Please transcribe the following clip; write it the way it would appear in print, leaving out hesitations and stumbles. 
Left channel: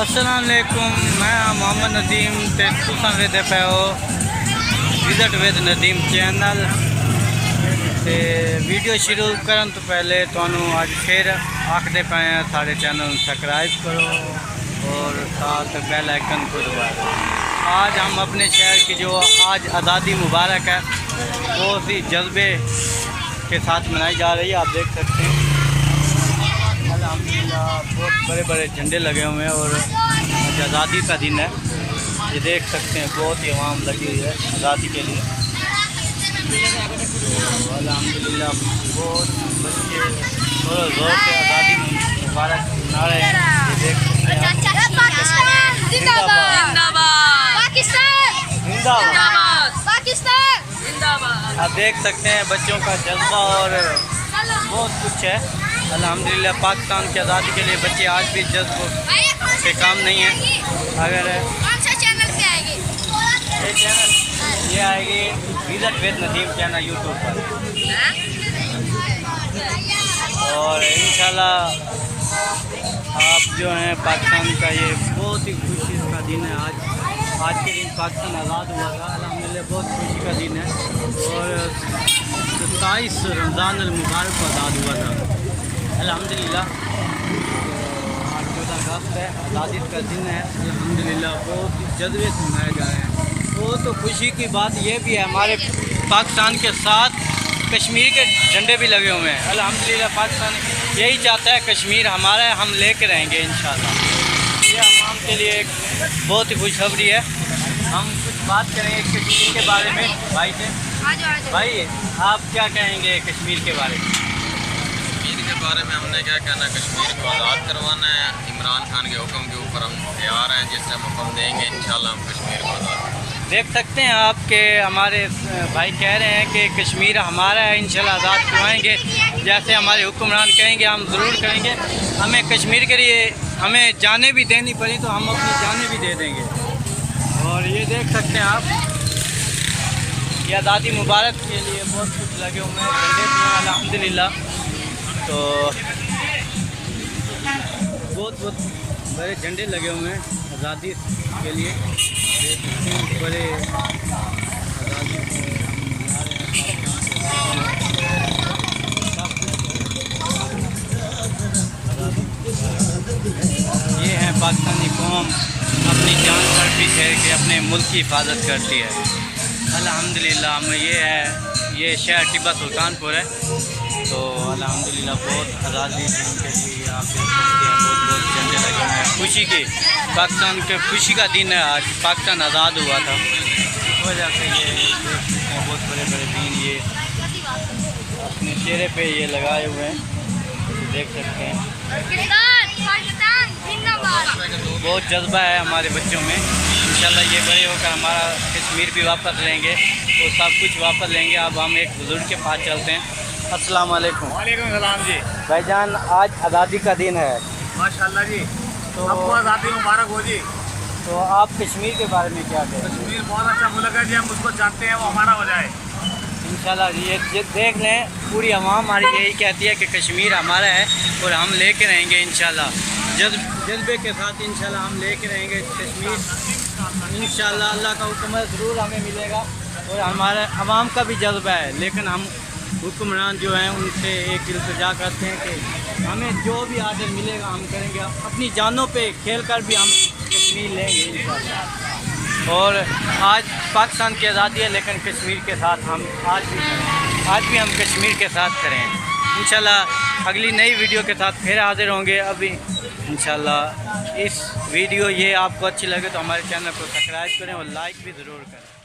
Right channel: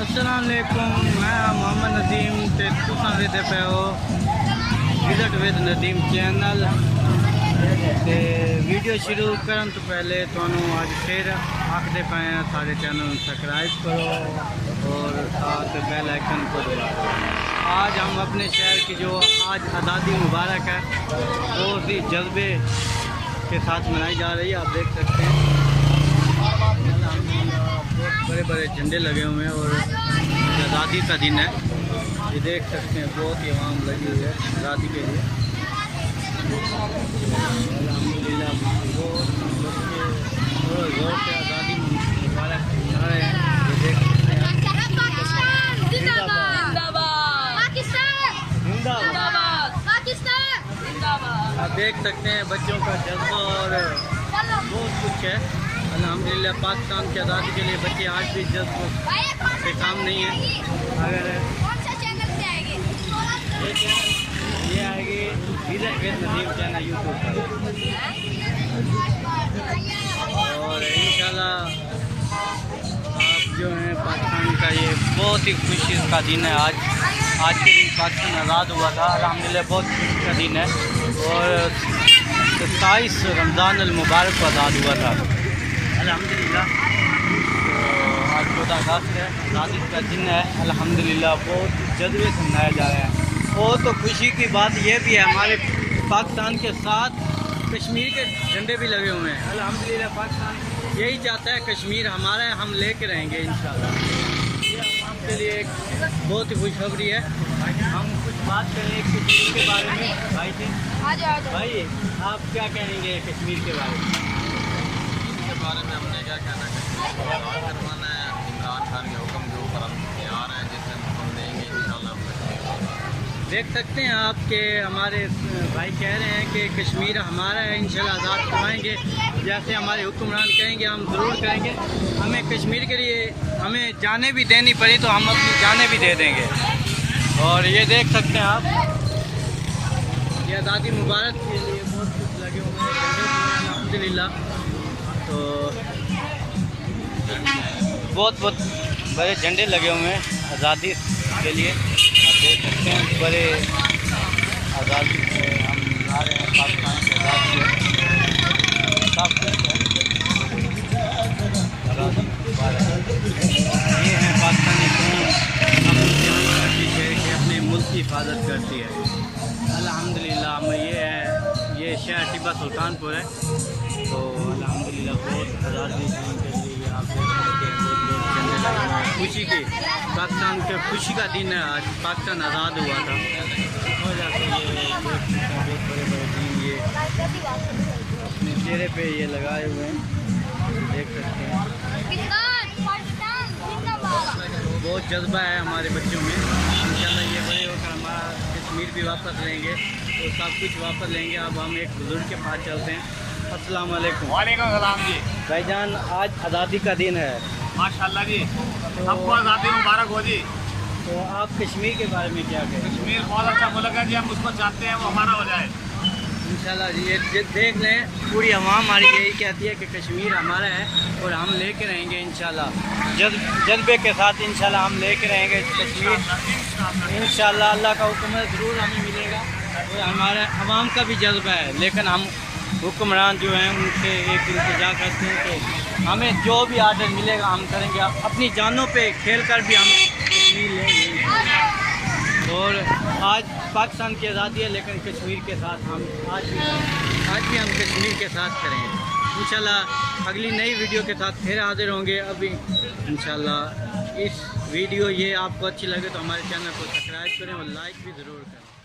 अस्सलाम वालेकुम, मैं मोहम्मद नदीम ते तुसां वेखदे पे हो विजिट विद नदीम चैनल। ते वीडियो शुरू करन तो पहले तुहानू अज फिर आखदे पे हैं साढ़े चैनल सब्सक्राइब करो और साथ बेल आइकन को दबा दो। आज हम अपने शहर की जो आज आज़ादी मुबारक है वो भी जज्बे के साथ मनाई जा रही है। आप देख सकते हैं अल्हम्दुलिल्लाह बहुत बड़े बड़े झंडे लगे हुए हैं और आज आज़ादी का दिन है। ये देख सकते हैं बहुत ही आवाम लगी हुई है आज़ादी के लिए। अल्हम्दुलिल्लाह बहुत बच्चे और जोर से आज़ादी मुबारक मना रहे हैं। आप देख सकते हैं बच्चों का जज्बा और बहुत कुछ है। अल्हम्दुलिल्लाह पाकिस्तान की आज़ादी के लिए बच्चे आज भी जज्ब से काम नहीं है। अगर ये चैनल ये आएगी visit with Nadeem channel YouTube पर और इंशाल्लाह आप जो हैं पाकिस्तान का ये बहुत ही खुशी का दिन है। आज के दिन पाकिस्तान आज़ाद हुआ था। अल्हम्दुलिल्लाह बहुत खुशी का दिन है और 27 रमज़ान अल मुबारक को आज़ाद हुआ था अल्हम्दुलिल्लाह। तो आज 14 अगस्त है, आज़ादी का दिन है। अल्हम्दुलिल्लाह बहुत जज्बे से मनाए जा रहे हैं। वो तो खुशी की बात यह भी है हमारे पाकिस्तान के साथ कश्मीर के झंडे भी लगे हुए हैं। अल्हम्दुलिल्लाह पाकिस्तान यही चाहता है कश्मीर हमारा है, हम लेके रहेंगे इंशाल्लाह। ये आवाम के लिए एक बहुत ही खुशखबरी है। हम कुछ बात करेंगे कश्मीर के बारे में भाई से। भाई आप क्या कहेंगे कश्मीर के बारे में? कश्मीर के बारे में हमने क्या कहना, कश्मीर को आज़ाद करवाना है। इमरान खान के हुक्म के ऊपर हम तैयार हैं, जिससे हम हुक्म देंगे इंशाल्लाह हम कश्मीर को आज़ाद करेंगे। देख सकते हैं आपके हमारे भाई कह रहे हैं कि कश्मीर हमारा है, इंशाल्लाह आज़ाद करवाएंगे। जैसे हमारे हुक्मरान कहेंगे हम ज़रूर करेंगे। हमें कश्मीर के लिए हमें जाने भी देनी पड़ी तो हम अपनी जाने भी दे देंगे। और ये देख सकते हैं आप ये आज़ादी मुबारक के लिए बहुत कुछ लगे हुए हैं, झंडे भी हैं अल्हम्दुलिल्लाह। तो बहुत बड़े झंडे लगे हुए हैं आज़ादी के लिए। आप देख सकते हैं बड़े आज़ादी हम मना रहे हैं पाकिस्तान। ये हैं पाकिस्तानी कौम अपनी जान पर भी ठहर के अपने मुल्क की हिफाजत करती है अल्हम्दुलिल्लाह। हम ये शहर टिब्बा सुल्तानपुर है। तो अल्हम्दुलिल्लाह बहुत आज़ादी दिन के लिए आप देख सकते हैं बहुत झंडे लगे हुए हैं। खुशी की पाकिस्तान के खुशी का दिन है आज, पाकिस्तान आज़ाद हुआ था। इस वजह से ये देख सकते हैं बहुत बड़े बड़े दिन ये अपने चेहरे पे ये लगाए हुए हैं, देख सकते हैं। बहुत जज्बा है हमारे बच्चों में। इंशाल्लाह ये बड़े होकर हमारा कश्मीर भी वापस लेंगे तो सब कुछ वापस लेंगे। अब हम एक बुज़ुर्ग के पास चलते हैं। अस्सलाम वालेकुम। वालेकुम सलाम जी। भाईजान आज आज़ादी का दिन है माशाल्लाह जी, तो आपको आज़ादी मुबारक हो जी। तो आप कश्मीर के बारे में क्या कहें? कश्मीर बहुत अच्छा मुल्क है जी, हम उसको चाहते हैं वो हमारा हो जाए इंशाल्लाह। ये देख लें पूरी आवाम हमारी यही कहती है कि कश्मीर हमारा है और हम लेके रहेंगे इंशाल्लाह। जज्बे के साथ इंशाल्लाह हम लेके रहेंगे कश्मीर इंशाल्लाह। अल्लाह का हुक्म है ज़रूर हमें मिलेगा और हमारे आवाम का भी जज्बा है। लेकिन हम हुक्मरान जो हैं उनसे एक इल्तिजा करते हैं कि हमें जो भी आर्डर मिलेगा हम करेंगे। अपनी जानों पे खेल कर भी हम कश्मीर लेंगे इंशाल्लाह। और आज पाकिस्तान की आज़ादी है लेकिन कश्मीर के साथ हम आज भी करें, आज भी हम कश्मीर के साथ करें इंशाल्लाह। अगली नई वीडियो के साथ फिर हाजिर होंगे अभी इंशाल्लाह। इस वीडियो ये आपको अच्छी लगे तो हमारे चैनल को सब्सक्राइब करें और लाइक भी ज़रूर करें।